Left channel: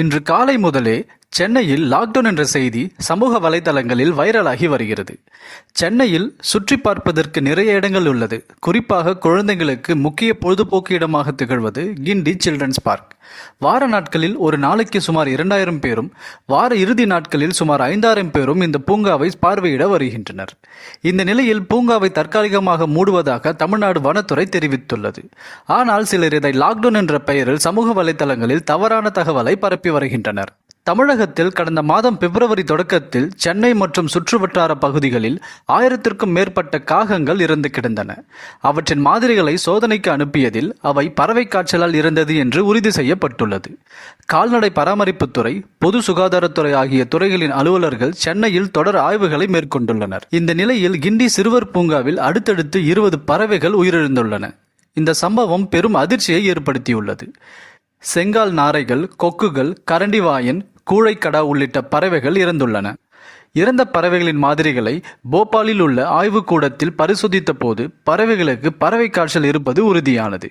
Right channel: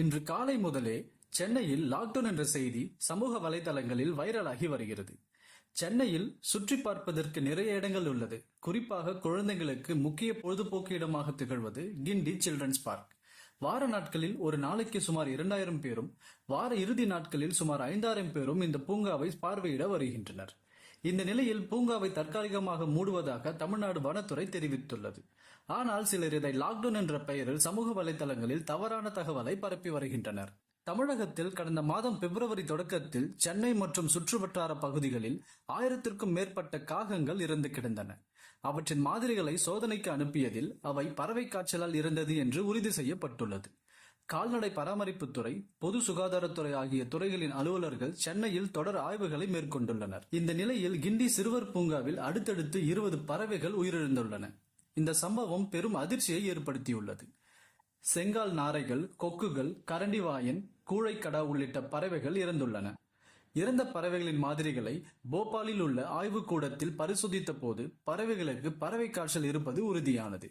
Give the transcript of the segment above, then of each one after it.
இன்று காலை முதலே சென்னையில் லாக்டவுன் என்ற செய்தி சமூக வலைதளங்களில் வைரலாகி வருகிறது. சென்னையில் சுற்றி பார்ப்பதற்கு நிறைய இடங்கள் உள்ளது. குறிப்பாக குழந்தைகளுக்கு முக்கிய பொழுதுபோக்கு இடமாக திகழ்வது கிண்டி சில்ட்ரன்ஸ் பார்க். வார நாட்களில் ஒரு நாளைக்கு சுமார் 2000 பேரும், வார இறுதி நாட்களில் சுமார் 5000 பேரும் இந்த பூங்காவை பார்வையிட வருகின்றனர். இந்த நிலையில் பூங்காவை தற்காலிகமாக மூடுவதாக தமிழ்நாடு வனத்துறை தெரிவித்துள்ளது. ஆனால் சிலர் இதை லாக்டவுன் என்ற பெயரில் சமூக வலைதளங்களில் தவறான தகவலை பரப்பி வருகின்றனர். தமிழகத்தில் கடந்த மாதம் பிப்ரவரி தொடக்கத்தில் சென்னை மற்றும் சுற்றுவட்டார பகுதிகளில் 1000க்கும் மேற்பட்ட காகங்கள் இறந்து கிடந்தன. அவற்றின் மாதிரிகளை சோதனைக்கு அனுப்பியதில் அவை பறவை காய்ச்சலால் இறந்தது என்று உறுதி செய்யப்பட்டுள்ளது. கால்நடை பராமரிப்புத்துறை, பொது சுகாதாரத்துறை ஆகிய துறைகளின் அலுவலர்கள் சென்னையில் தொடர் ஆய்வுகளை மேற்கொண்டுள்ளனர். இந்த நிலையில் கிண்டி சிறுவர் பூங்காவில் அடுத்தடுத்து 20 பறவைகள் உயிரிழந்துள்ளன. இந்த சம்பவம் பெரும் அதிர்ச்சியை ஏற்படுத்தியுள்ளது. செங்கால் நாரைகள், கொக்குகள், கரண்டிவாயன், கூழைக்கடா உள்ளிட்ட பறவைகள் இறந்துள்ளன. இறந்த பறவைகளின் மாதிரிகளை போபாலில் உள்ள ஆய்வுக்கூடத்தில் பரிசோதித்த போது பறவைகளுக்கு பறவை காய்ச்சல் இருப்பது உறுதியானது.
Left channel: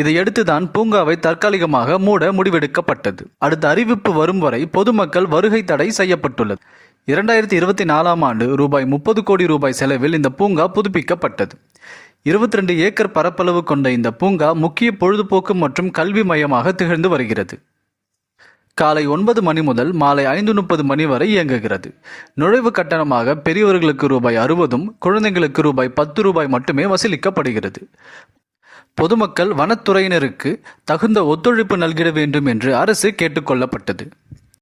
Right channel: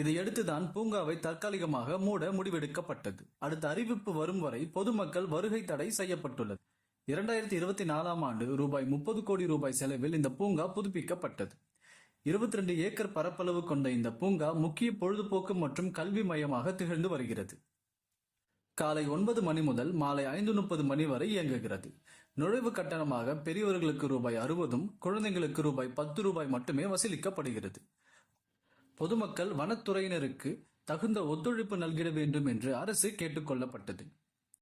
இதையடுத்துதான் பூங்காவை தற்காலிகமாக மூட முடிவெடுக்கப்பட்டது. அடுத்த அறிவிப்பு வரும் வரை பொதுமக்கள் வருகை தடை செய்யப்பட்டுள்ளது. 2024ஆம் ஆண்டு ரூபாய் 30 கோடி செலவில் இந்த பூங்கா புதுப்பிக்கப்பட்டது. 22 ஏக்கர் பரப்பளவு கொண்ட இந்த பூங்கா முக்கிய பொழுதுபோக்கு மற்றும் கல்வி மையமாக திகழ்ந்து வருகிறது. காலை 9 மணி முதல் மாலை 5:30 மணி வரை இயங்குகிறது. நுழைவு கட்டணமாக பெரியவர்களுக்கு ரூபாய் 60, குழந்தைகளுக்கு ரூபாய் 10 மட்டுமே வசூலிக்கப்படுகிறது. பொதுமக்கள் வனத்துறையினருக்கு தகுந்த ஒத்துழைப்பு நல்கிட வேண்டும் என்று அரசு கேட்டுக்கொள்ளப்பட்டது.